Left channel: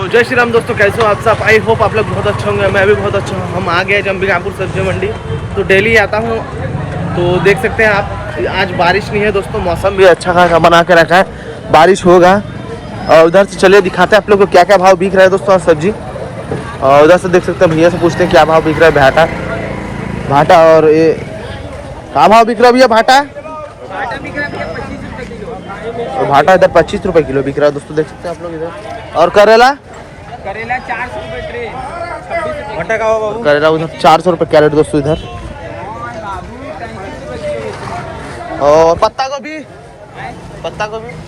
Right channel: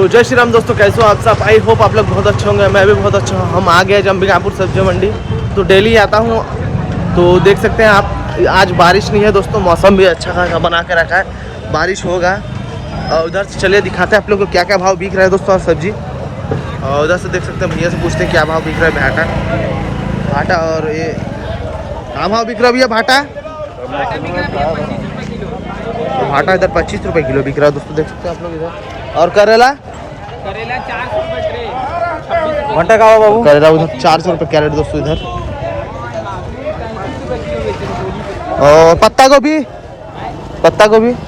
तो जय श्री राम दोस्तों, कैसे हो आप सब। आई होप आप लोग बहुत अच्छे होंगे, मैं भी बहुत अच्छा हूँ। हम आ गए अंबिकापुर सब्जी मंडी। तो डेली आता हूँ, तो देख सकते हैं आप आज बारिश नहीं है दोस्तों, मौसम भी अच्छा खासा बना के रखा है, बारिश होगा। और उधर से चलिए दिखाते हैं आप लोग को क्या क्या भाव बिक रहा है दोस्तों आज सब्जी। और उधर से देख सकते हैं, भैया से पूछते हैं क्या भाव बिक रहा है भाटा। और ये क्या भाव बिक रहा है भैया भाटा? भाटा इधर 25 रुपये किलो बिक रहा है दोस्तों, देख सकते हैं आप लोग इधर। और करेला 400 रुपये ट्रे, 26 भाटा का बाबू करेला उधर 400 रुपये कैरेट दोस्तों इधर। और पत्ता गोभी 15 रुपये किलो।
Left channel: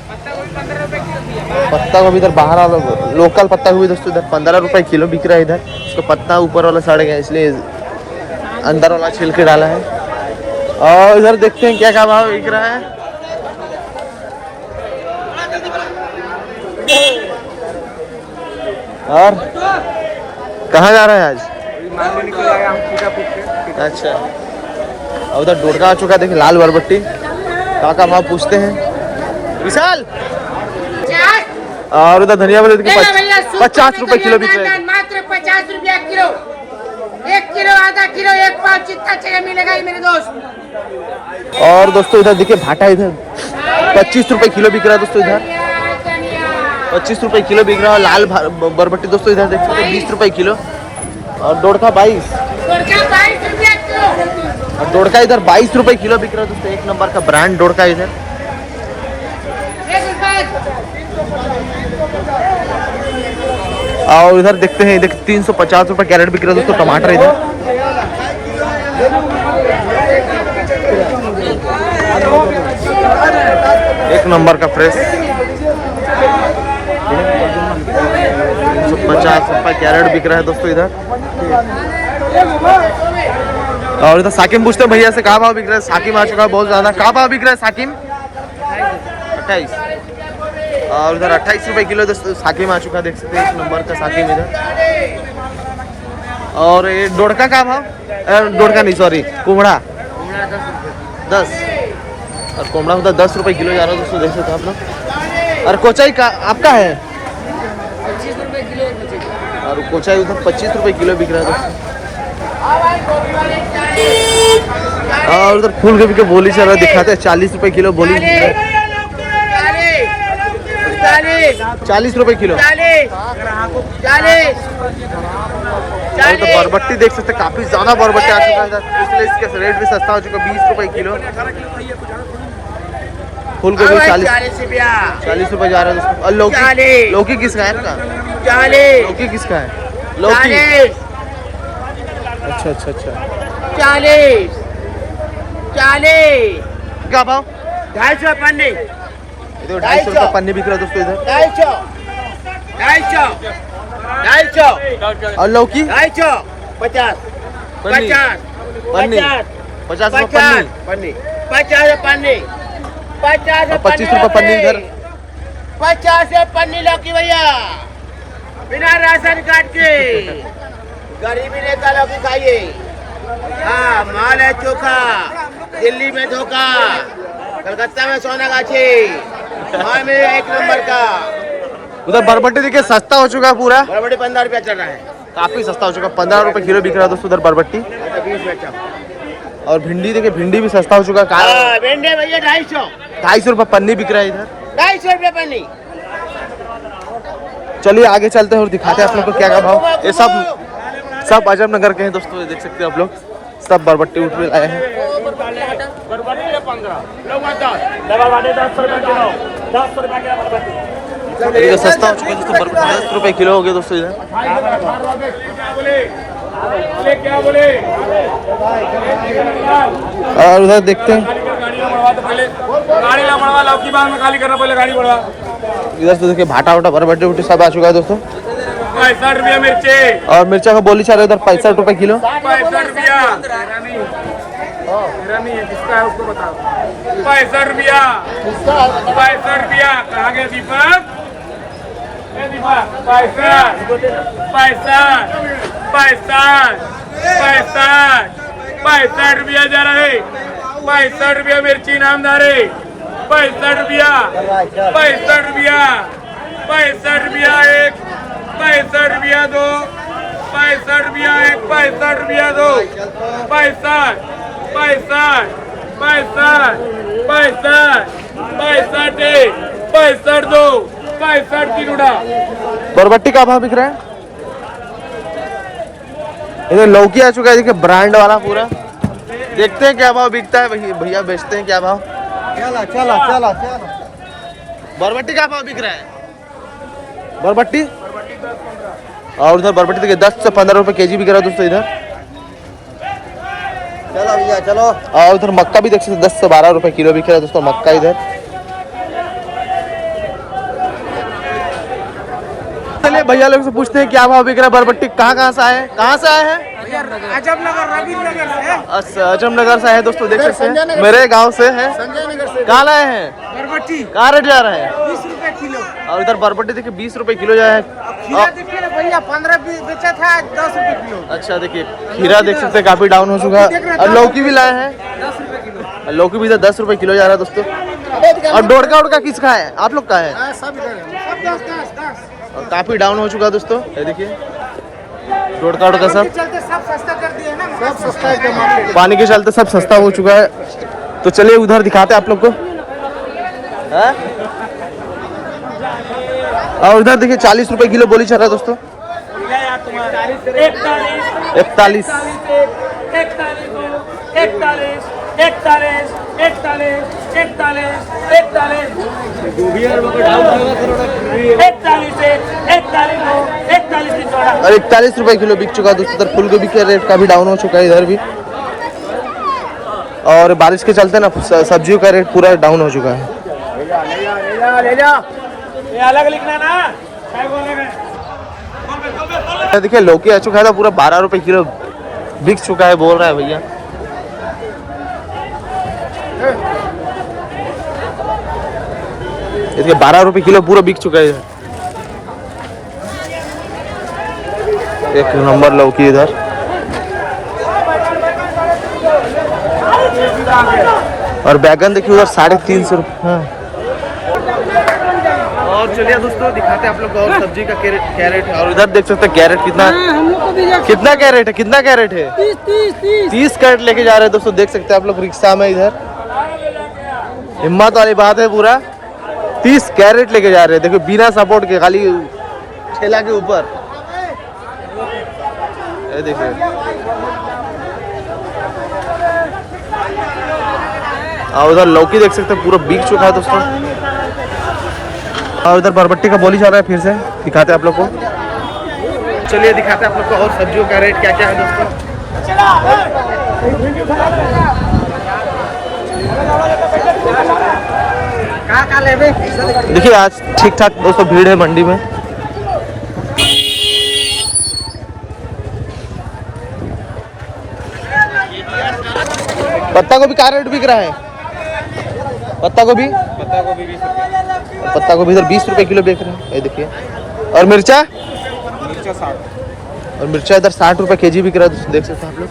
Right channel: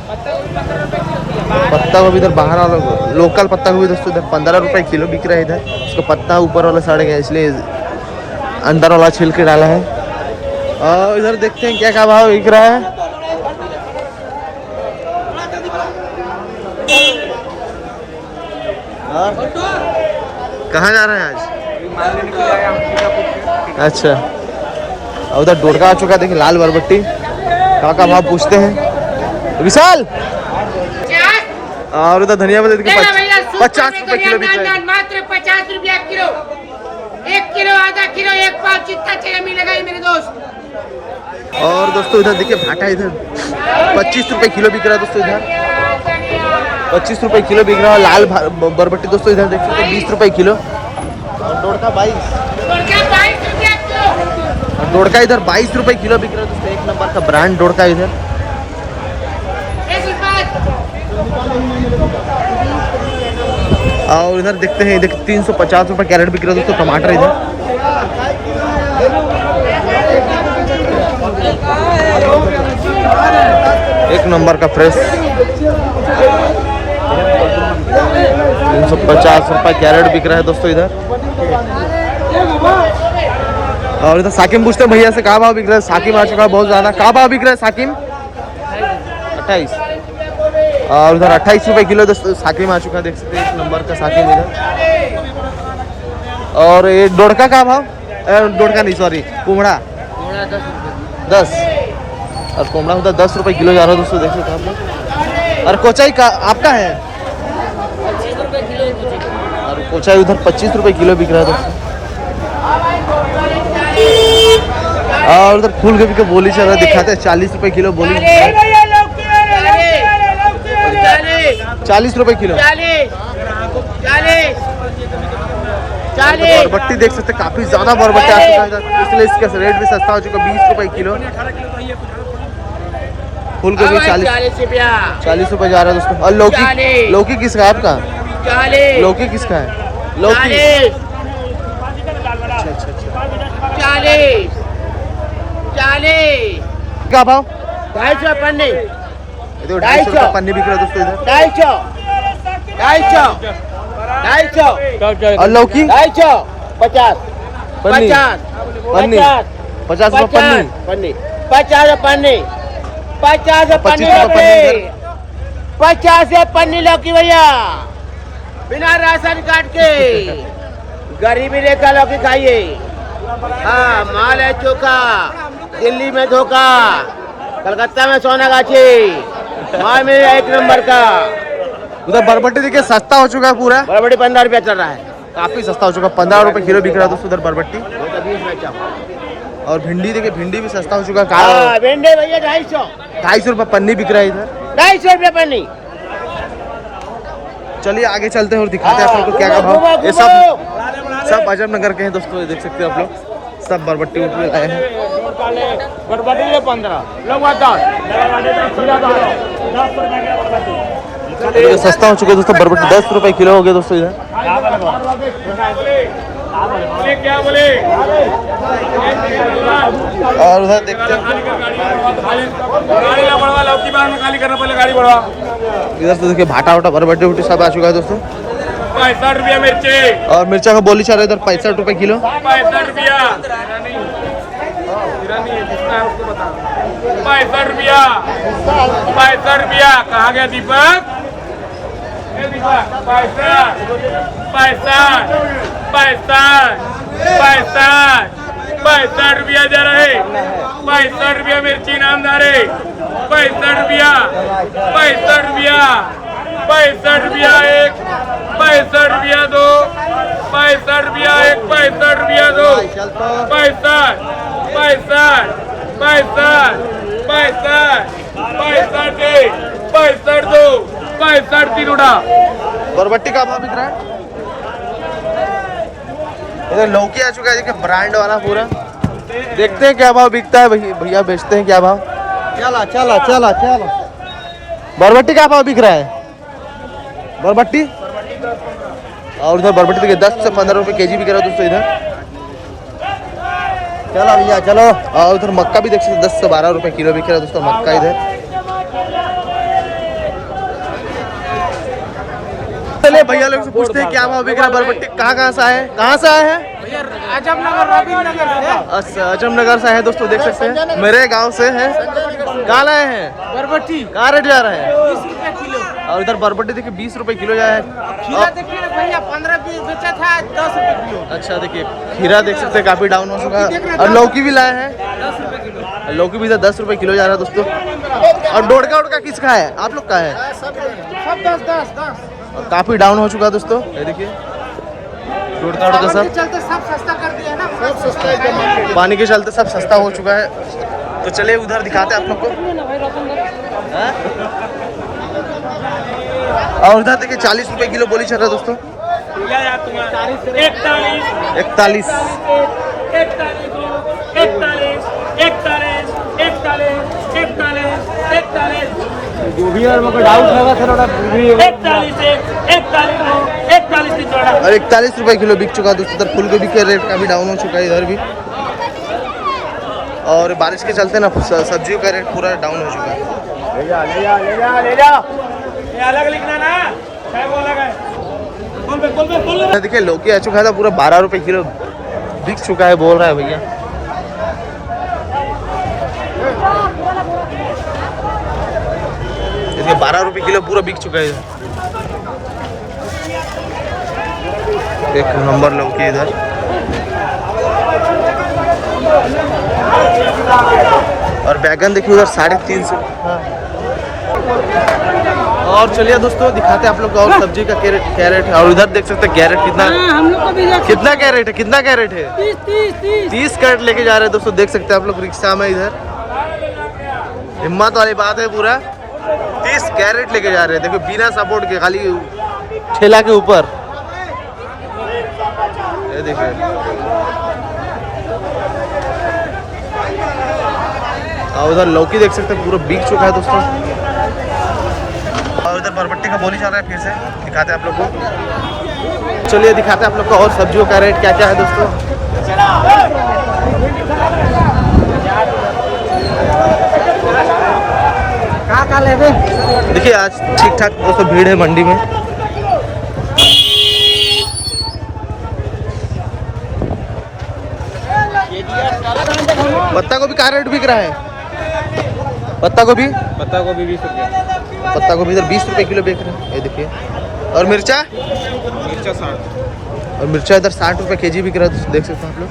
पत्ता गोभी इधर बाहर वाला लोकल पत्ता गोभी दोस्तों इधर 15 रुपये किलो बिक रहा है इधर। उसका पत्ता ऊपर वाला सड़ गया, इसलिए अंदर वाला छिलके डाला है। और इधर देखते हैं क्या क्या भाव बिक रहा है। और कहाँ जा रहा है आज? माल लेने के लिए आया हूँ सीतापुर से। अच्छा, और उधर डोडका आ चुका है, देखिए लाल बरबट्टी का भाव पूछते हैं विशाल। और उधर धनिया वाले देखिए 50 रुपए किलो बिक रहा है। मात्र 50 रुपया किलो, 1 किलो, आधा किलो, 1 पाव, जितना चाहिए मिलेगा मेरे दोस्त। और दोस्तों इधर देखिए भाटा इधर 25 रुपए किलो बिक रहा है दोस्तों इधर 25 रुपए किलो बिक रहा है। लाल बरबट्टी दोस्तों इधर देख सकते हैं 20 रुपए किलो। और डोडका 22 रुपया किलो। और डोडका इधर 22 रुपए किलो बिक रहा है दोस्तों, एक नंबर का ब्रांड डोडका इधर। और इधर देखते हैं, इधर 350 रुपए कैरेट बिक रहा है दोस्तों टमाटर इधर। एक नंबर का फ्रेश 350 रुपए कैरेट बिक रहा है दोस्तों इधर। और इधर साकिम पूछते हैं भैया से कहाँ भाव बिक रहा है। साकिम आ चुका है बहुत ज्यादा। कहाँ भाव बिक रहा है साकिम? 28। और उधर 28 रुपए किलो दोस्तों साकिम आ चुका है, देख सकते हैं एक नंबर का साकिम इधर। और ये डोडका का भाव? डोडका नहीं सॉरी, कुमड़ा 10। और कोमड़ा उधर 10 रुपए किलो जा रहा है दोस्तों, देख सकते हैं आप लोग। और कोचाई का आपका है 25 रुपये किलो। और कोचाई उधर 25 रुपए किलो बिक रहा है दोस्तों। और उधर फूल गोभी के बोली चल रहा है, दिखाते हैं 40 रुपए किलो बोली। 40 रुपए किलो। तो बरबट्टी देख सकते हैं, काफी ज्यादा बरबट्टी आ चुका है इधर, इसलिए इसका रेट भी सस्ता हो चुका है, 20 रुपए किलो। फूल गोभी 40 रुपए जा रहा है दोस्तों। और लौकी किसका है आपका? लौकी किसका है? लौकी अच्छा अच्छा अच्छा। 40 क्या भाव? 250 पन्नी। तो 250 रुपए पन्नी बिक रहा है दोस्तों इधर। 250 और लौकी 250 50 पन्नी 50 रुपए पन्नी। 50 पन्नी 50 25 रुपए पन्नी इधर। 50 पन्नी लौकी भैया, बिना राशन कार्ड के। गरीबी रेखा लौकी खाइए। हाँ, माल है चोखा, दिल्ली में धोखा, कलकत्ता में सोनागाछी, माल में एक नंबर का। उधर बरबट्टी देखिए सस्ता हो चुका है पूरा, बरबटी 15 रुपया चल रहा है, काफी सस्ता हो चुका है। 15 रुपए किलो बिक रहा है दोस्तों उधर बरबट्टी। 20 में चाप। और भिंडी देखिए, भिंडी भी सस्ता हो चुका है। भिंडी भैया 250 250 रुपए पन्नी बिक रहा है इधर। 250 रुपया पन्नी। चलिए आगे चलते हैं और दिखाते हैं आप लोग को क्या क्या भाव। ये सब अजब नगर के हैं दोस्तों, ये देख सकते हैं आप लोग, सब बरबट्टी उठ आए हैं। ये सस्ता हो चुका है दोस्तों बरबट्टी, 10 रुपए किलो हो गया दोस्तों इधर। क्या बोले? और उधर देखते हैं, इधर से देखिए भाटा वाटा बरबट्टी उठी सब आ चुका है दोस्तों। 65 रुपया मिर्ची। और मिर्चा का बोली चल रहा है इधर 65 रुपए किलो। 65 रुपया। जिसका है उसको बता। 65 रुपया। 65 रुपया। कहाँ गया दीपक? 65 रुपया जा रहे। 65 रुपया मिर्ची नामदार है। 65 रुपया। 65 रुपया। 65 रुपया एक। रुपया दो, 65 रुपया, एक 65 रुपया दो, 65, 65, 65, 65, 65 दो, 65 तीन उड़ा। बरबट्टी का भाव बिक रहा है। इधर लौकी आ चुका है, देखिए ब्रांड वाला पूरा। देखते हैं क्या भाव बिकता है। भैया बेचते हैं क्या भाव। चला चला चला चला। बरबट्टी का भाव बिक रहा है। बरबट्टी और उधर बरबट्टी देखिए 10 से 15 रुपए केजी बिक रहा है दोस्तों इधर। चलो भैया चलो। और उधर मक्का भी देख सकते 10 से 12 रुपए किलो बिक रहा है दोस्तों मक्का इधर। चलिए भैया लोग से पूछते हैं क्या भाव बिक रहा है बरबट्टी। कहाँ से आए हैं, कहाँ से आए हैं भैया आजमनगर रविनगर से। अच्छा अजमनगर से है दोस्तों, देख सकते हैं मेरे गांव से है। कहाँ लाए हैं बरबट्टी? कहाँ रेट जा रहा है? 20 रुपए किलो। और इधर बरबट्टी देखिए 20 रुपए किलो जा है। खीरा देखिए ना भैया 15 बेचा था 10 रुपए किलो। अच्छा देखिए खीरा देख सकते हैं काफी डाउन हो चुका है। और लौकी भी लाए हैं 10 रुपए किलो। और लौकी भी इधर 10 रुपए किलो जा रहा है दोस्तों। और डोडका उड़का किसका है, आप लोग का है? सब 10। और काफी डाउन हो चुका है दोस्तों, ये देखिए डोडका उड़का सब चलते सब सस्ता कर दिया ना, सब सस्ता है। पानी के चलते सब सस्ता हो चुका है। तो चलिए उधर दिखाते हैं आप लोग को। हैं? और उधर देखिए 40 रुपए किलो बोली चल रहा है दोस्तों। 41 और 41 रुपए किलो बिक चुका है दोस्तों। इधर फूल गोभी के रेट काफी डाउन हो चुका है इधर भी। और बारिश के चलते ना सब्जियों का रेट पूरा डाउन हो चुका है। ले जा अलग लिखना ना। देखिए लौकी आ चुका था पूरा 12 रुपए किलो बिक चुका है बोल रहा है भैया। देखिए 12 रुपए किलो पूरा बिक चुका है इधर। एक नंबर लौकी इधर। और बैगन देखिए उधर 350 रुपये। और चलिए दोस्तों दिखाते हैं आप लोग को और सब्जी का कैरेट है। और उधर देख सकते हैं कैरेट कितना हम लोग को भी कितना कैरेट है, कितना कैरेट है? 30 कैरेट लेके जा रहे हैं दोस्तों। देख सकते हैं आप लोग रिक्शा में इधर। हिम्मत वाली बात है पूरा। 30 कैरेट लेके जा रहे हैं देखो बिना सपोर्ट के, खाली ठेला के ऊपर। ये देखिए और उधर लौकी देख सकते हैं पूरा बिक चुका है दोस्तों। और उधर बरबट्टी का बोली चल रहा है, फिर से दिखाते हैं आप लोग को। चलिए दिखाते हैं आप लोग को और सब्जियों का रेट क्या क्या है दोस्तों। कहाँ ले भाई? देखिए आज ठीक ठाक दोस्तों भीड़ है मंडी में। पत्ता गोभी का रेट बिक रहा है? पत्ता गोभी 20 रुपये। पत्ता गोभी इधर 20 रुपए किलो बिक रहा है, ये देखिए। और मिर्चा 60। और मिर्चा इधर 60 रुपए केजी बिक रहा है, देख सकते हैं आप लोग।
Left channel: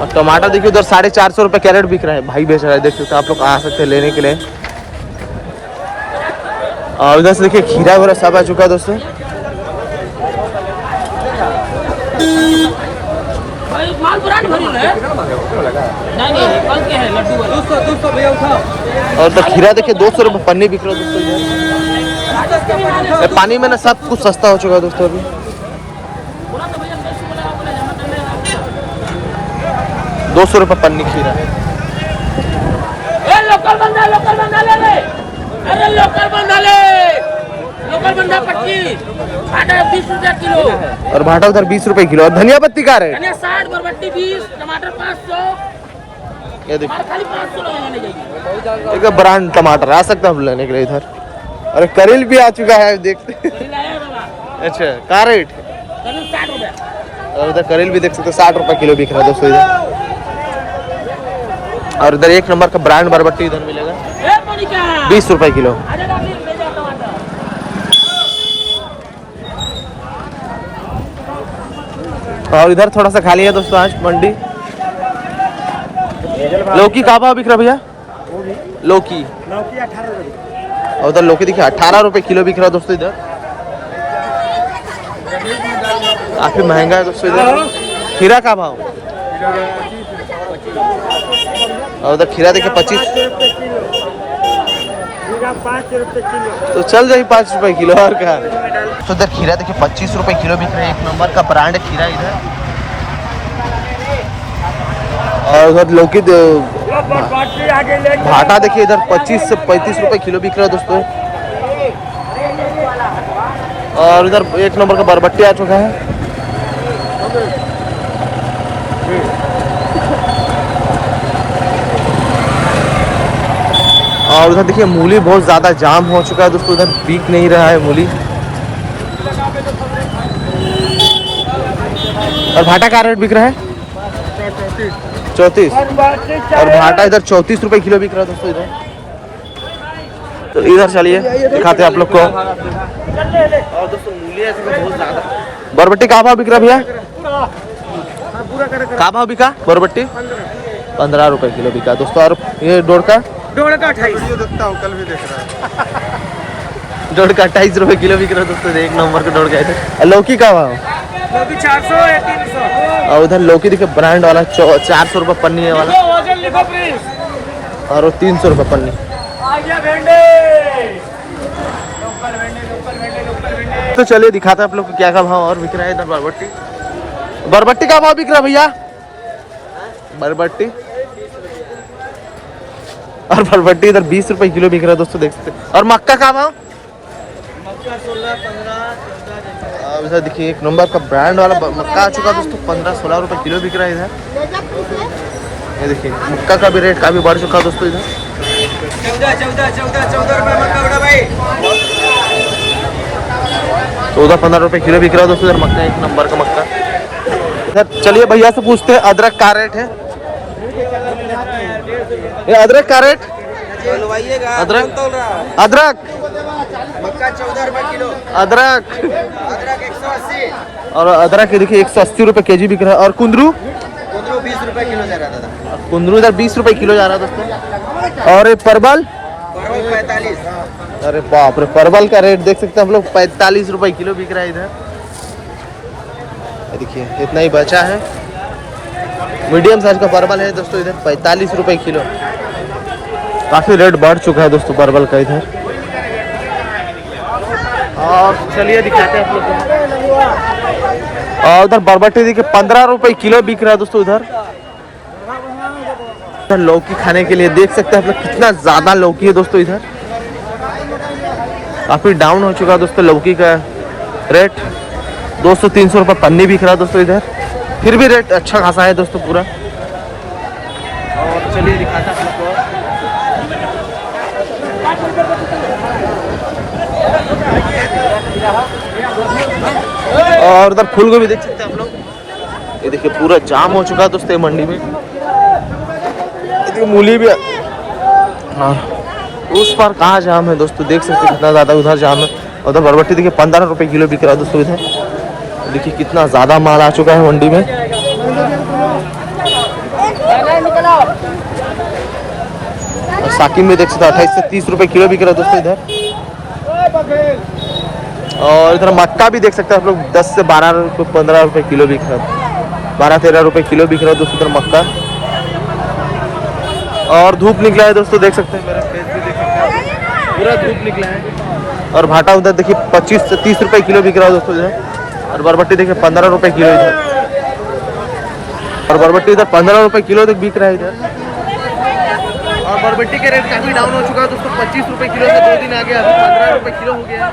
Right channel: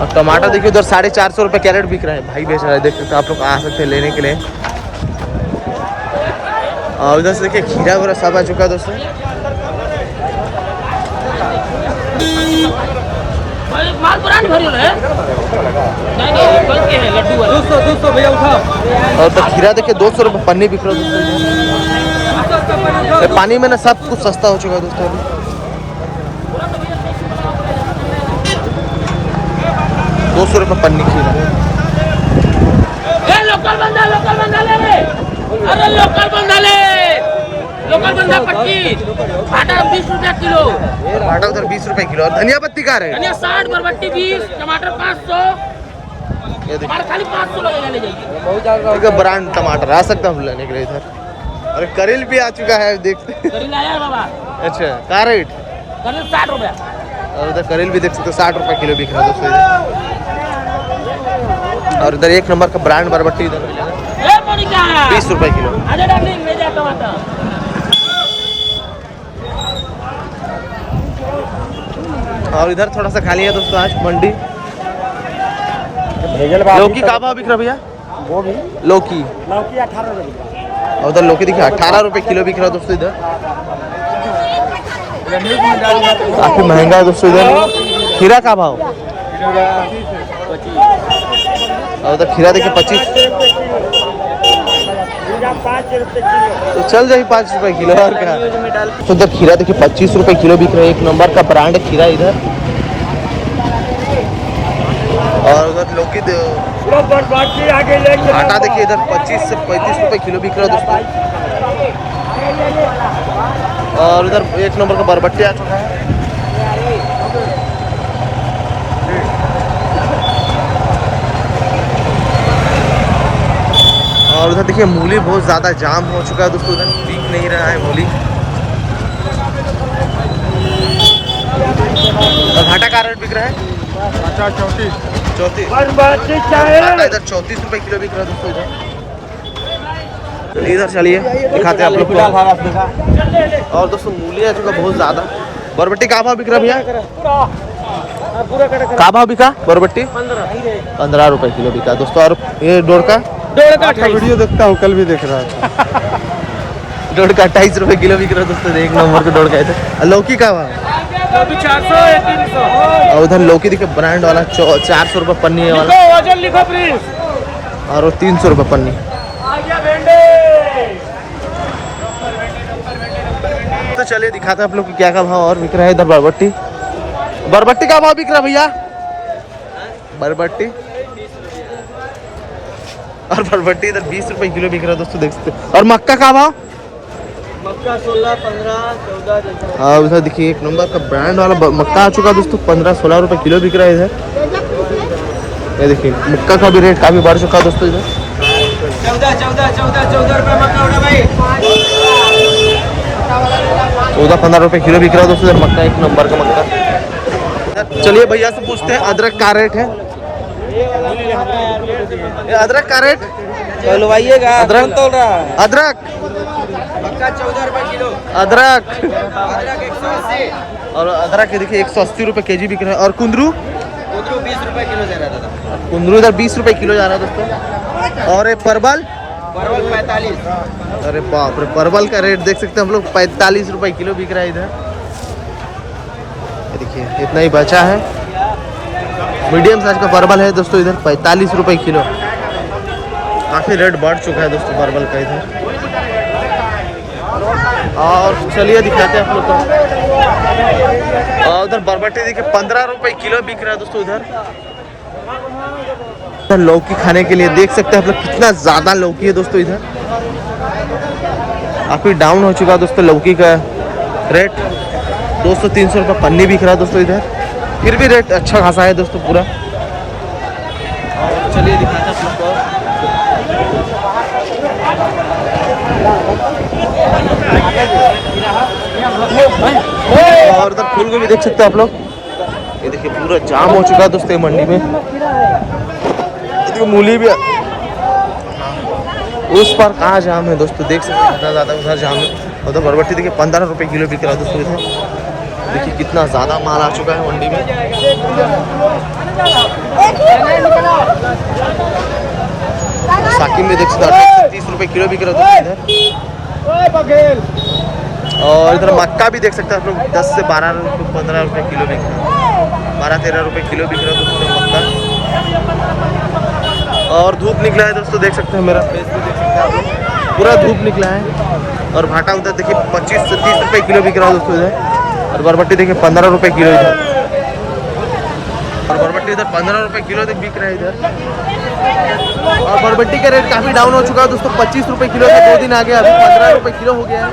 और टमाटर देखिए उधर 450 रुपए कैरेट बिक रहा है, भाई बेच रहा है, देख सकते हैं आप लोग। आ सकते हैं लेने के लिए। और उधर से देखिए खीरा वगैरह सब आ चुका है दोस्तों। माल ब्रांड भरियल है। नहीं कल के है लड्डू वाला 200 भैया उठाओ। और तो खीरा देखिए 200 रुपए पन्नी बिक रहा है दोस्तों इधर। पानी में ना सब कुछ सस्ता हो चुका है दोस्तों अभी। 200 रुपए पन्नी खीरा। लोकल बंदा ले ले। अरे लोकल बंदा 25। भाटा 20 रुपया किलो। और भाटा उधर 20 रुपए किलो। और धनिया पत्ती का रेट? धनिया 60, बरबट्टी 20, टमाटर 500। ये देखिए खाली 500 लगेगा, ले जाइए। एक ब्रांड टमाटर आ सकता है हम लेने के लिए इधर। और करेल भी आ चुका है, देखते हैं। करील आया बाबा। अच्छा का रेट? करील 60 रुपया। और उधर करेल भी देख सकते हैं 60 रुपए किलो बिक रहा है दोस्तों इधर। और इधर एक नंबर का ब्रांड बरबट्टी इधर मिलेगा 20 रुपए किलो। आजा डार्लिंग ले जा टमाटर। और इधर थोड़ा सा खाली है दोस्तों आज मंडी। लौकी का भाव बिक रहा भैया? लौकी 18 रुपए। और उधर लौकी देखिए 18 रुपए किलो बिक रहा है दोस्तों इधर। काफी महंगा है दोस्तों इधर। खीरा का भाव? और उधर खीरा देखिए 25, तो चल जाए 5 रुपए किलो और क्या। तो इधर खीरा देखिए 25 रुपए किलो बिक रहा है। एक नंबर का ब्रांड है खीरा इधर। और उधर लौकी भाटा देखिए इधर 25 से 35 रुपए किलो बिक रहा है दोस्तों। और उधर एक नंबर का बरबट्टी आ चुका है। और उधर देखिए मूली बहुत ज़्यादा जाम हो चुका है दोस्तों, उधर बिक नहीं रहा है मूली। और भाटा का रेट बिक रहा है 34। और भाटा इधर 34 रुपए किलो बिक रहा है दोस्तों इधर। तो इधर चलिए दिखाते हैं आप लोग को। और दोस्तों मूली है चुका बहुत ज़्यादा। बरबट्टी का भाव बिक रहा है भैया? का भाव बिका बरबट्टी? 15 रुपए किलो बिका दोस्तों। और ये डोड़ का 28 वीडियो देखता हूँ, कल भी देख रहा हूँ। डोड़ का 28 रुपए किलो बिक रहा है दोस्तों। एक नंबर का डोड़ का इधर। लौकी का भाव? लौकी 400 या 300। और उधर लौकी देखिए ब्रांड वाला 400 रुपए पन्नी है वाला। वजन लिखो प्लीज। और वो 300 रुपए पन्नी। तो चलिए दिखाते हैं आप लोग को क्या का भाव और बिक रहा है इधर। बरबट्टी, बरबट्टी का भाव बिक रहा है भैया? बरबट्टी और बरबट्टी इधर 20 रुपए किलो बिक रहा है दोस्तों, देख सकते हैं। और मक्का का भाव? मक्का 16, 15, 14। और उधर देखिए एक नंबर का ब्रांड वाला मक्का आ चुका है दोस्तों। 15-16 रुपए किलो बिक रहा है इधर। ये देखिए मक्का का भी रेट काफी बढ़ चुका है दोस्तों इधर। 14 रुपए मक्का उड़ा भाई। 14-15 रुपए किलो बिक रहा है दोस्तों इधर मक्का। एक नंबर का मक्का इधर। चलिए भैया से पूछते हैं अदरक का रेट है। ये अदरक का रेट? अदरक अदरक मक्का 14 रुपए किलो। अदरक 180। और अदरक ये देखिए 180 रुपए केजी बिक रहा है। और कुंदरू? कुंदरू 20 रुपए किलो जा रहा था। कुंदरू इधर 20 रुपए किलो जा रहा है दोस्तों। और ये परवल? परवल 45। अरे बाप रे, परवल का रेट देख सकते हैं हम लोग 45 रुपए किलो बिक रहा है इधर। ये देखिए इतना ही बचा है। मीडियम साइज का परवल है दोस्तों इधर 45 रुपए किलो। काफी रेट बढ़ चुका है दोस्तों परवल का इधर। और चलिए दिखाते हैं आप लोग को। और उधर बरबट्टी देखिए 15 रुपए किलो बिक रहा है दोस्तों इधर। लौकी खाने के लिए देख सकते हैं आप लोग कितना ज्यादा लौकी है दोस्तों इधर। काफी डाउन हो चुका है दोस्तों लौकी का रेट। 200-300 रुपए पन्नी बिक रहा है दोस्तों इधर। फिर भी रेट अच्छा खासा है दोस्तों पूरा। और चलिए दिखाते हैं आप लोग को। और उधर फूल गोभी देख सकते हैं आप लोग। ये देखिए पूरा जाम हो चुका है दोस्तों मंडी में। मूली भी, हाँ उस पर कहाँ जाम है दोस्तों, देख सकते हैं कितना ज़्यादा उधर जाम है। उधर बरबट्टी देखिए 15 रुपए किलो बिक रहा है दोस्तों इधर। देखिए कितना ज़्यादा माल आ चुका है मंडी में। और साकिम में देख सकते हैं 28 से 30 रुपए किलो बिक रहा है दोस्तों इधर। और इधर मक्का भी देख सकते हैं आप लोग 10 से 12-15 रुपए किलो बिक रहा है। 12-13 रुपए किलो बिक रहा है दोस्तों इधर मक्का। और धूप निकला है दोस्तों, देख सकते हैं मेरा फेस भी देख सकते हैं आप लोग, पूरा धूप निकला है। और भाटा उधर देखिए 25 से 30 रुपए किलो बिक रहा है दोस्तों इधर। और बरबट्टी देखिए 15 रुपए किलो इधर। और बरबट्टी इधर 15 रुपए किलो तक बिक रहा है इधर। और बरबट्टी का रेट काफ़ी डाउन हो चुका है दोस्तों। 25 रुपए किलो से 2 दिन आ गया, अभी 15 रुपए किलो हो गया है।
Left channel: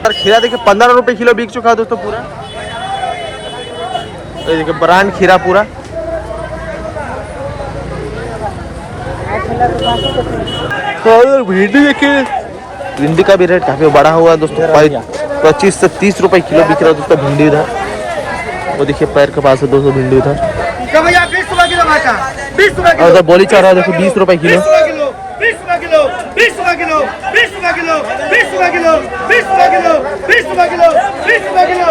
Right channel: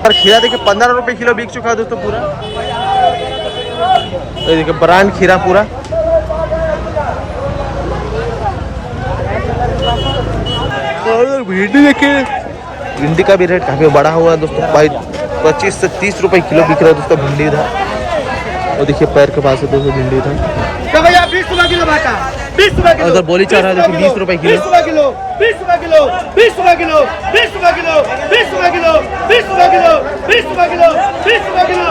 और खीरा देखिए 15 रुपए किलो बिक चुका है दोस्तों पूरा। तो देखिए ब्रांड खीरा पूरा। और भिंडी देखिए, भिंडी का भी रेट काफ़ी बढ़ा हुआ है दोस्तों। 25 से 30 रुपए किलो बिक रहा है दोस्तों भिंडी इधर। वो देखिए पैर के पास है दोस्तों भिंडी इधर। भैया 20 रुपए किलो भाटा, 20 रुपए किलो। और उधर बोली चाह रहा है देखिए 20 रुपए किलो। 20 रुपए किलो, 20 रुपए किलो, 20 रुपए किलो, 20 रुपए किलो, 20 रुपए किलो, 20 रुपए किलो, 20 रुपए किलो, 20 रुपए किलो,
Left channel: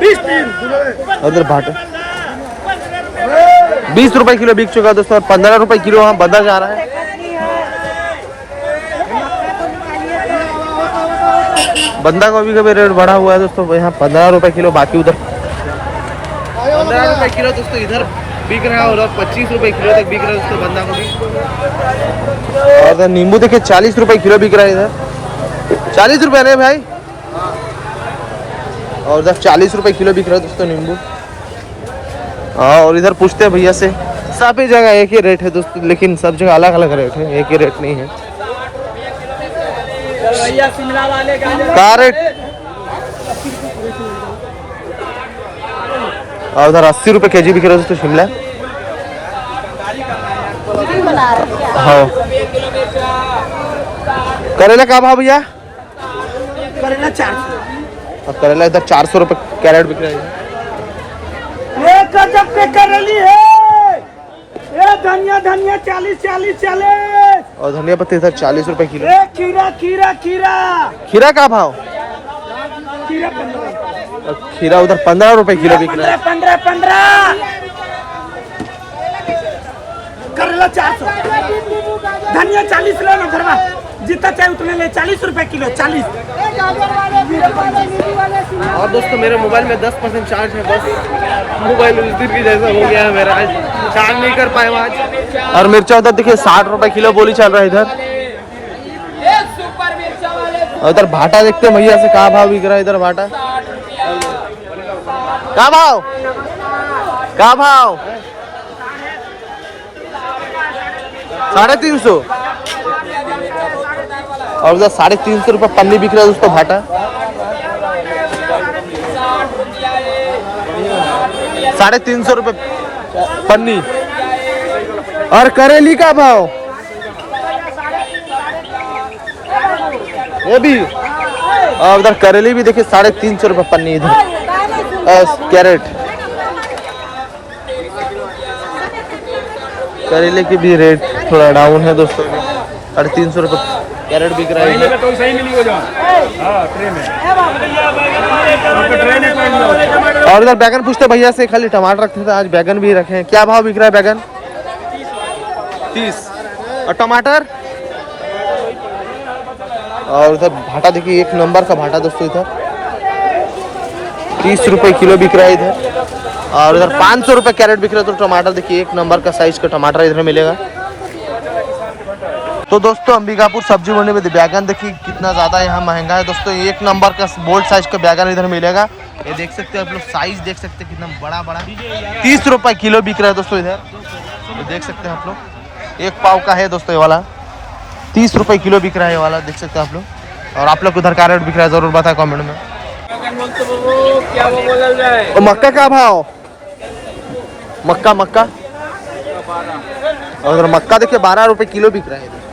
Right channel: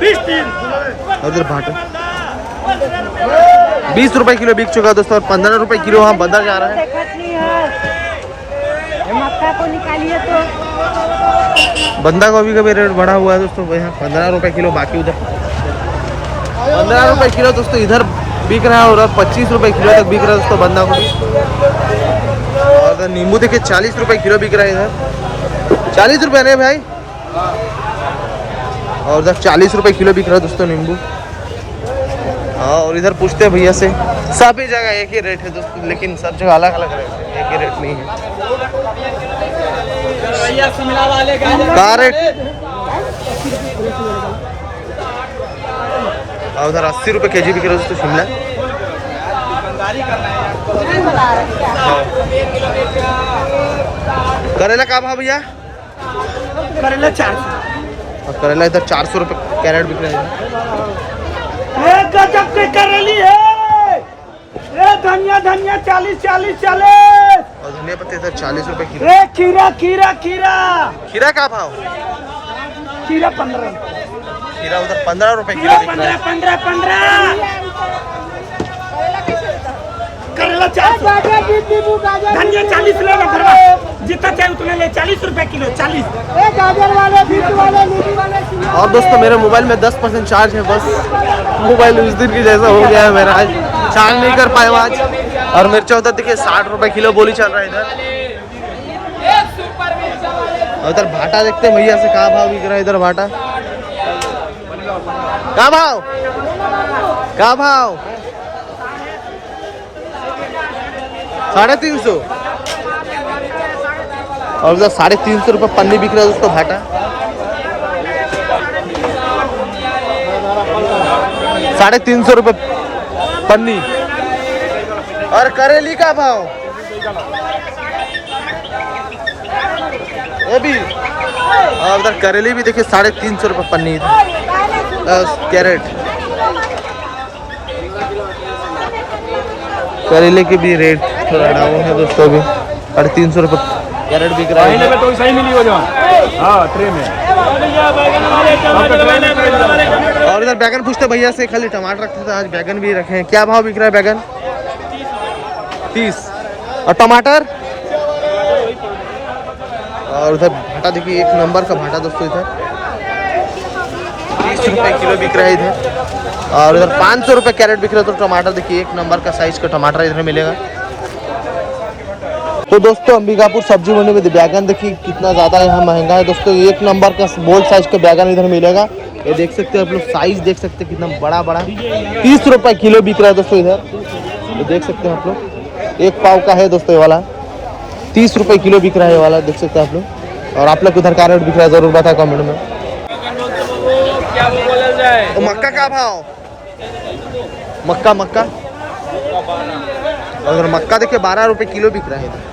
20 उधर भाटा 20 रुपए किलो बिक चुका है दोस्तों। और 15 रुपए किलो वहाँ बदला जा रहा है। बंदा गोभी का भी रेट बढ़ा हुआ है दोस्तों, यहाँ 15 रुपए किलो, बाकी उधर 15 रुपए किलो दोस्तों इधर बिक रहा है, और 25 रुपए किलो तक बिक रहा है दोस्तों बंदा गोभी। और नींबू देखिए 40 रुपए किलो बिक रहा है इधर, 40 रुपए नहीं भाई, और इधर 40 रुपए किलो बिक रहा है दोस्तों नींबू। हाँ, और इधर पूछते हैं भैया से, सब ही जगह एक ही रेट है दोस्तों, लेकिन सब जगह अलग अलग रेट है, एक ही रेट नहीं है। का रेट? और उधर 80 रुपए केजी बिक रहा है दोस्तों शिमला। हाँ, करेला का भाव भैया? करेला 400। और करेला इधर 400 रुपए कैरेट बिक रहा है। ये गजब के करेली है। ये धनिया 40। और धनिया पत्ती इधर 40 रुपए किलो। ये खीरा खीरा का भाव? 15। और खीरा उधर 15 रुपए किलो बिक रहा है। 15। करेला 400। धनिया 40 लेना घरवा, जितना चाहिए उतना ले, 40 रुपए किलो 40। और दोस्तों मेरे मोबाइल में 10% चार्ज है, बस मोबाइल उस दिन की जैसा हो गया है मेरा, आज चार्ज नहीं कर पाए आज। और मिर्चा उधर देखिए 60 रुपए किलो बोली चल रहा है इधर। और इधर भाटा देखते हैं भैया से, कहा भाव बिक रहा है इधर भाटा? का भाव? 350। और उधर 350 रुपए पन्नी बिक रहा है दोस्तों भाटा। 350 रुपए पन्नी। और करेली का भाव? ये भी। और उधर करेली भी देखिए 350 रुपए पन्नी इधर कैरेट। करेले के भी रेट थोड़ा डाउन है दोस्तों, अभी 350 रुपए कैरेट बिक रहा है। और इधर बैगन पूछते भैया से, खाली टमाटर रखते थे, आज बैगन भी रखे हैं। क्या भाव बिक रहा है बैगन? 30। और टमाटर? और उधर भाटा देखिए, एक नंबर का भाटा दोस्तों इधर 30 रुपए किलो बिक रहा है इधर। और इधर 500 रुपए कैरेट बिक रहा है। तो टमाटर देखिए, एक नंबर का साइज का टमाटर इधर मिलेगा। तो दोस्तों अंबिकापुर सब्जी मंडी में बैगन देखिए कितना ज़्यादा यहाँ महंगा है दोस्तों। एक नंबर का बोल्ड साइज का बैगन इधर मिलेगा। ये देख सकते हैं आप लोग, साइज देख सकते हैं कितना बड़ा 30 रुपए किलो बिक रहा है दोस्तों इधर। तो देख सकते हैं आप लोग, एक पाव का है दोस्तों ये वाला, 30 रुपए किलो बिक रहा है ये वाला, देख सकते हैं आप लोग। और आप लोग उधर का रेट बिक रहा है जरूर बताए कमेंट में। क्या वो बोला जाए? और मक्का का भाव? मक्का और उधर मक्का देखिए 12 रुपए किलो बिक रहा है इधर।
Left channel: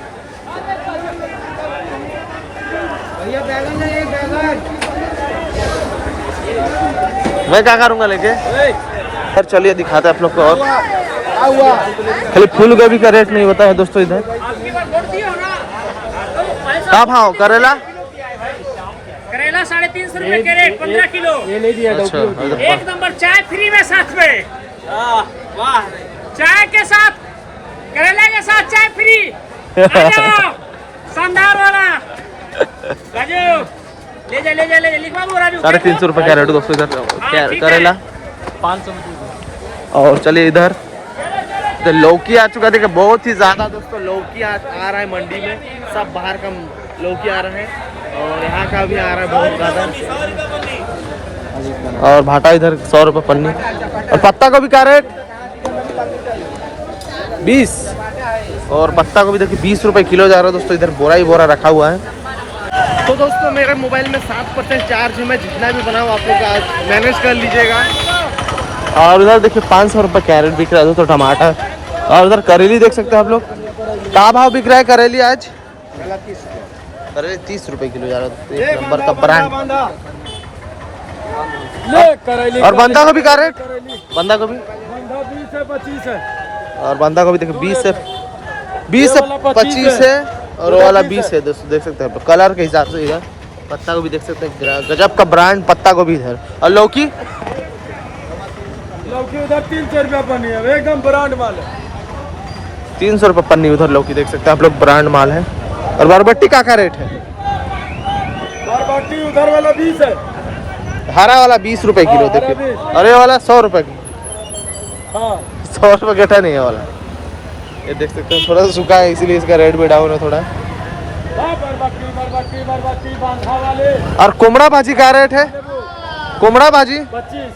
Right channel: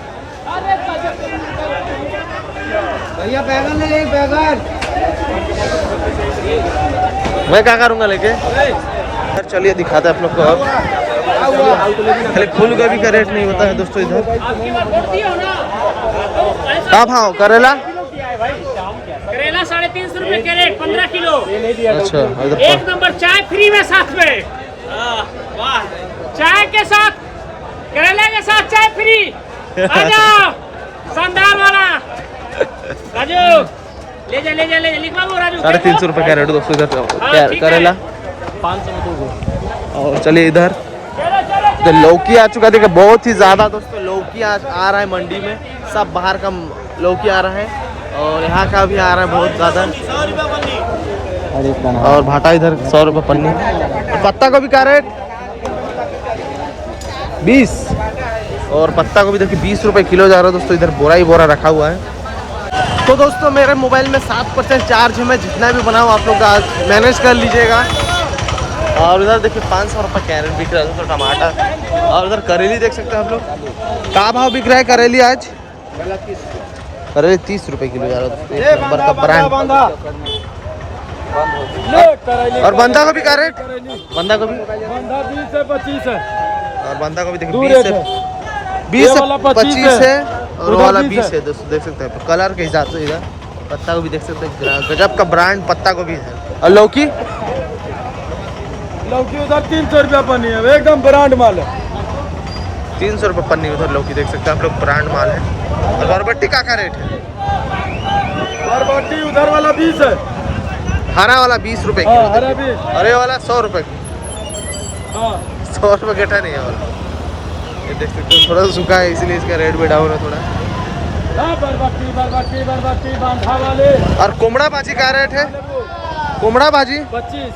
मैं क्या करूंगा लेके? सर चलिए दिखाते हैं आप लोग को। और खाली फूल गोभी का रेट नहीं होता है दोस्तों इधर। क्या भाव करेला? 350 रुपए कैरेट 15 किलो। अच्छा, इधर एक नंबर चाय फ्री में साथ में। वाह, चाय के साथ करेला के साथ चाय फ्री। शानदार वाला राजू, ले जा लिखवा वो राजू। 350 रुपए कैरेट दोस्तों इधर करेला। 500 में 2 गो। और चलिए इधर लौकी आ चुका देखिए, बहुत ही ज्यादा दोस्तों लौकी आ रहा है मंडी में। सब बाहर का लौकी आ रहा है और यहाँ का भी आ रहा है बहुत ज्यादा। और भाटा इधर 100 रुपए पन्नी। और पत्ता गोभी का रेट 20। और पत्ता गोभी देखिए 20 रुपए किलो जा रहा है दोस्तों इधर। बोरा ही बोरा रखा हुआ है। तो दोस्तों मेरे मोबाइल में 7% चार्ज है, मैं जितना भी बनाऊँ आप लोग मैनेज कर लीजिएगा। और उधर देखिए 500 रुपये कैरेट बिक रहा है तो टमाटर। और उधर करेली देख सकते हैं आप लोग, क्या भाव बिक रहा है करेली आज? करेली 30 रुपये किलो जा रहा है, एक नंबर का ब्रांड। और बंदा गोभी का रेट? बंदा गोभी 20 से 25 है। और बंदा गोभी देखिए 20 से 25 है। और वो वाला 20 है दोस्तों, देख सकते हैं कलर के हिसाब से। इधर पत्ता गोभी देख सकते हैं, गजब का ब्रांड पत्ता गोभी है। और लौकी उधर 300 रुपया पन्नी है, एकदम ब्रांड माल है। 300 रुपये पन्नी उधर लौकी देख सकते हैं आप लोग, ब्रांड माल है। और बरबट्टी का रेट है? बरबट्टी उधर वाला 20 है। हरा वाला 20 रुपए किलो हाँ, हरे देखिए, 20। अरे वाला 100 रुपए की, हाँ 100 रुपए गठा नहीं है वाला। ये देख सकते हो थोड़ा सा सूखा है इसलिए इसका रेट भी डाउन है थोड़ा। बरबट्टी बरबट्टी बरबट्टी बांधा वाले और कोमड़ा भाजी क्या रेट है? कोमड़ा भाजी 25।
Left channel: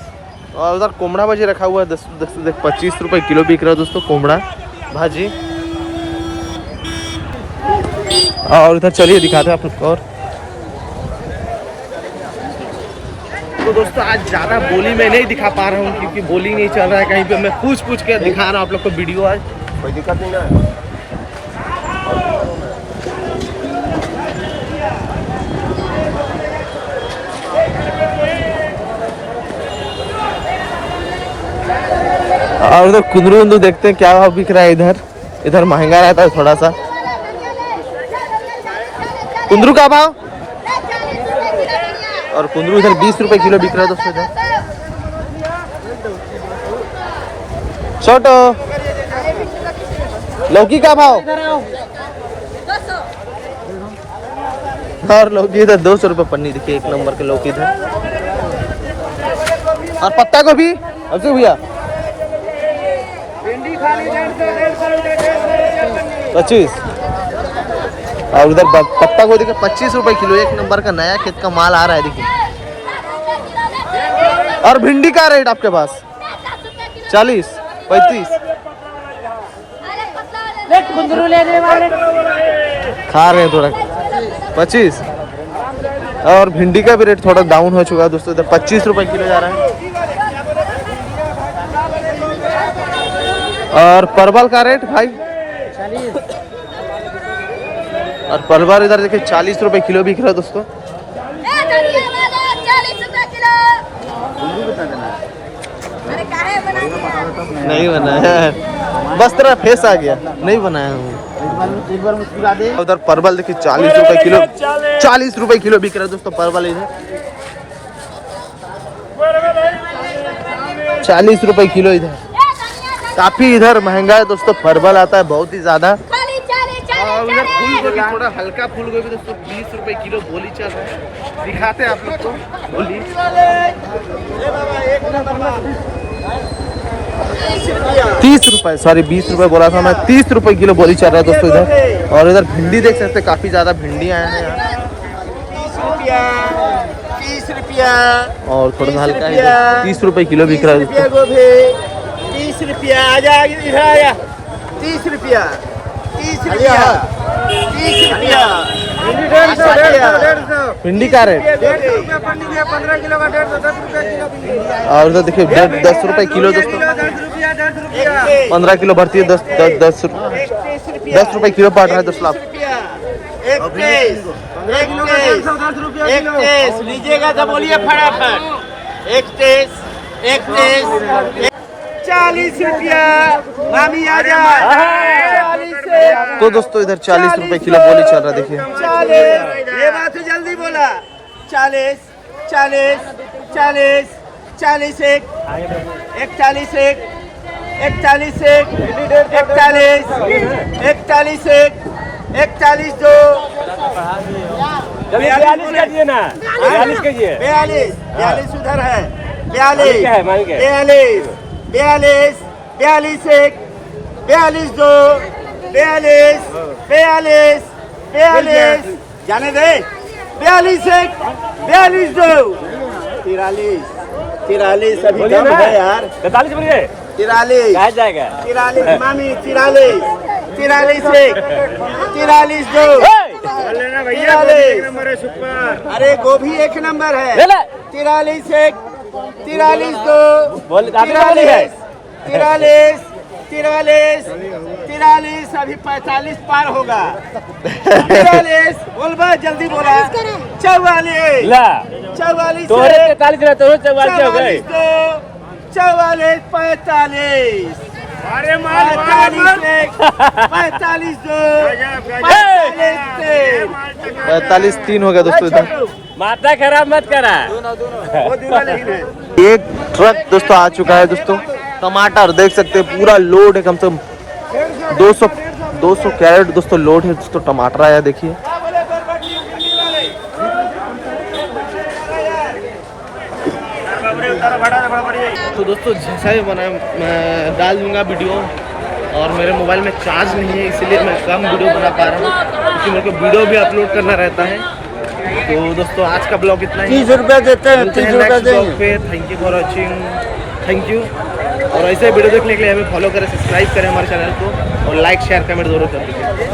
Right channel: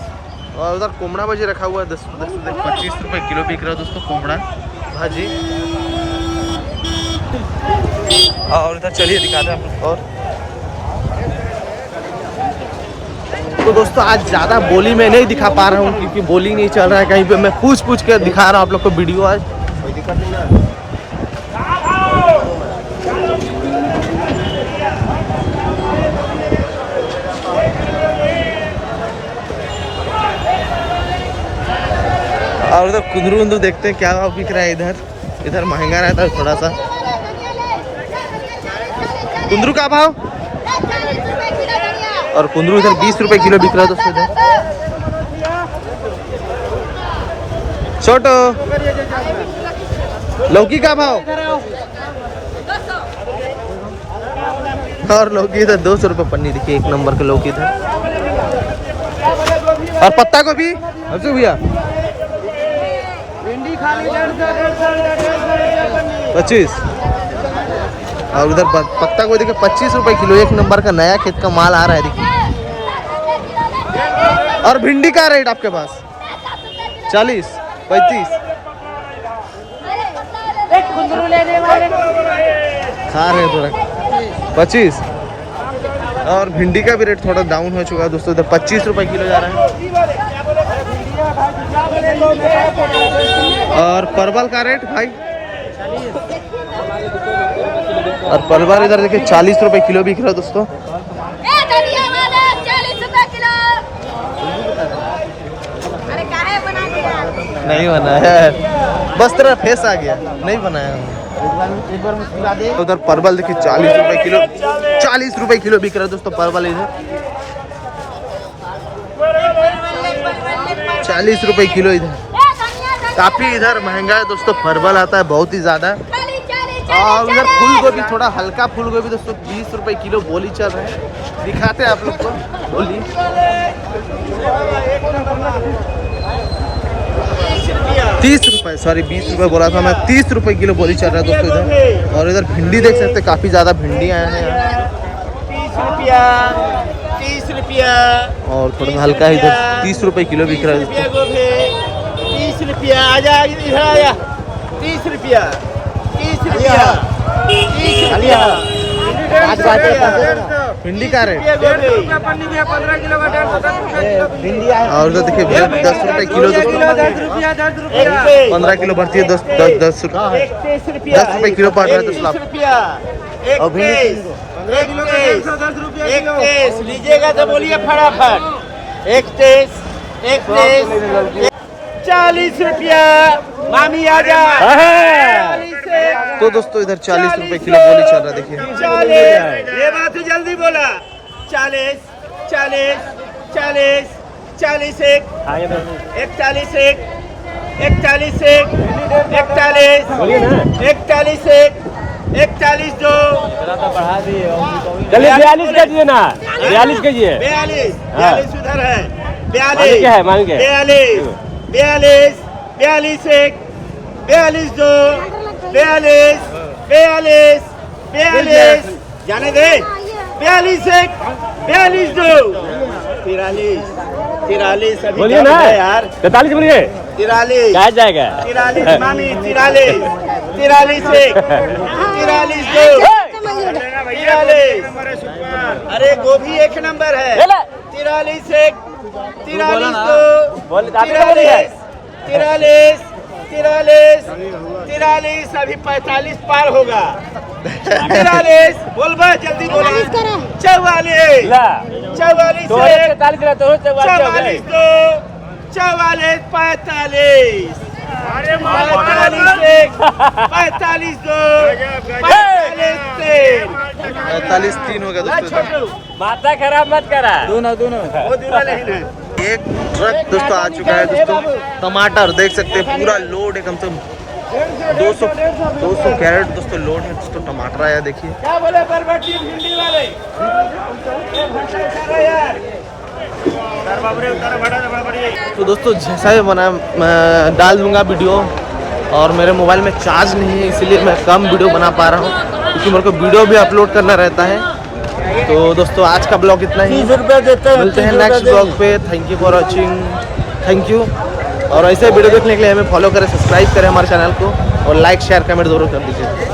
और उधर कोमड़ा भाजी रखा हुआ है 25 रुपए किलो बिक रहा है दोस्तों कोमड़ा भाजी। और इधर चलिए दिखाते हैं आपको और। तो दोस्तों आज ज़्यादा बोली में नहीं दिखा पा रहा हूँ क्योंकि बोली नहीं चल रहा है कहीं पे, मैं पूछ के दिखा रहा हूँ आप लोग को वीडियो आज, कोई दिक्कत नहीं ना। और इधर कुंदरू देखते हैं क्या भाव बिक रहा है इधर। इधर महंगा रहता है थोड़ा सा। कुंदरू का भाव, और कुंदरू इधर 20 रुपए किलो बिक रहा है दोस्तों इधर। छोटो लौकी का भाव, और लौकी इधर 200 रुपए पन्नी देखिए, एक नंबर के लौकी इधर। और पत्ता गोभी अब्दुल भैया 25, और उधर पत्ता को देखिए 25 रुपए किलो, एक नंबर का नया खेत का माल आ रहा है देखिए। और भिंडी का रेट आपके पास 40, 35 खा रहे हैं थोड़ा 25। और भिंडी का भी रेट थोड़ा डाउन हो चुका है दोस्तों, इधर 25 रुपए किलो जा रहा है। और परवल का रेट भाई 40, और परवल इधर देखिए 40 रुपए किलो बिक रहा है दोस्तों। 40 रुपए किलो। अरे काहे बना दिया? नहीं बनाया है, बस तेरा फेस आ गया, नहीं बनाया हूँ। उधर परवल देखिए 40 रुपए किलो, 40 रुपए किलो बिक रहा है दोस्तों परवल इधर, 40 रुपए किलो इधर। काफी इधर महंगा है दोस्तों, परवल आता है बहुत ही ज्यादा। और उधर फूल गोभी, थोड़ा हल्का फूल गोभी दोस्तों 20 रुपए किलो बोली चल रहा है, दिखाते हैं आप लोग को बोली। 30 रुपए, सॉरी 20 रुपए बोला था मैं, 30 रुपए किलो बोली चल रहा है दोस्तों इधर। और इधर भिंडी देख सकते हैं, काफी ज्यादा भिंडी आया है यहाँ। 30 रुपया, और थोड़ा सा हल्का है इधर 30 रुपए किलो बिक रहा है दोस्तों। गोभी 30 रुपया, आजा इधर आया, 30 रुपया, 30 रुपया, 30 रुपया। भिंडी का रेट 150 रुपया पन्नी भी है, 15 किलो का 150, 10 रुपया किलो भिंडी। और उधर देखिए 10 रुपए किलो दोस्तों, 10 रुपया 10 रुपया। 15 किलो भरती है, 10 रुपए किलो पड़ रहा है 10 लाख। 31 लीजिएगा तो बोलिए फटाफट। 31 40 रुपया, मामी आजा। 40 तो दोस्तों इधर 40 रुपए किलो बोली चल रहा है देखिए। 40, ये बात तो जल्दी बोला। 40 40 40 40 एक 41 एक 41 एक 41 41 एक 41 दो 42 कीजिए ना, 42 कीजिए। 42 उधर है। क्या है, मांगे? 42 42 एक 42 दो 42 जाने दे। 42 एक 42 दो 43 अभी बोलिए कम ना। है यार। 43 बोलिए, 43 कहा जाएगा? 43 मामी 43 एक 43 दो 43। अरे गोभी एक नंबर है। 43 एक 43 दो 43 अभी 45 पार होगा। 43 बोल बा जल्दी बोला। 44 44 एक 44 दो 44 45 45 एक 45 दो 45 3 हो गया दोस्तों इधर। माता खराब मत करा। वो दोनों लेकिन है। एक ट्रक दोस्तों आ चुका है दोस्तों, टमाटर देख सकते हैं पूरा लोड है, कम से कम 200 कैरेट दोस्तों लोड है दोस्तों, टमाटर आया देखिए। क्या बोले बरबटी भिंडी वाले? तो दोस्तों जैसा ही बना मैं डाल दूंगा वीडियो, और मेरे मोबाइल में चार्ज नहीं है इसलिए मैं कम वीडियो बना पा रहा हूँ, क्योंकि मेरे को वीडियो भी अपलोड करना रहता है। तो दोस्तों आज का ब्लॉग इतना ही, मिलते हैं नेक्स्ट ब्लॉग पे। Thank you for watching, thank you. और ऐसे वीडियो देखने के लिए हमें फॉलो करें, सब्सक्राइब करें हमारे चैनल को, और लाइक शेयर कमेंट जरूर कर दीजिए।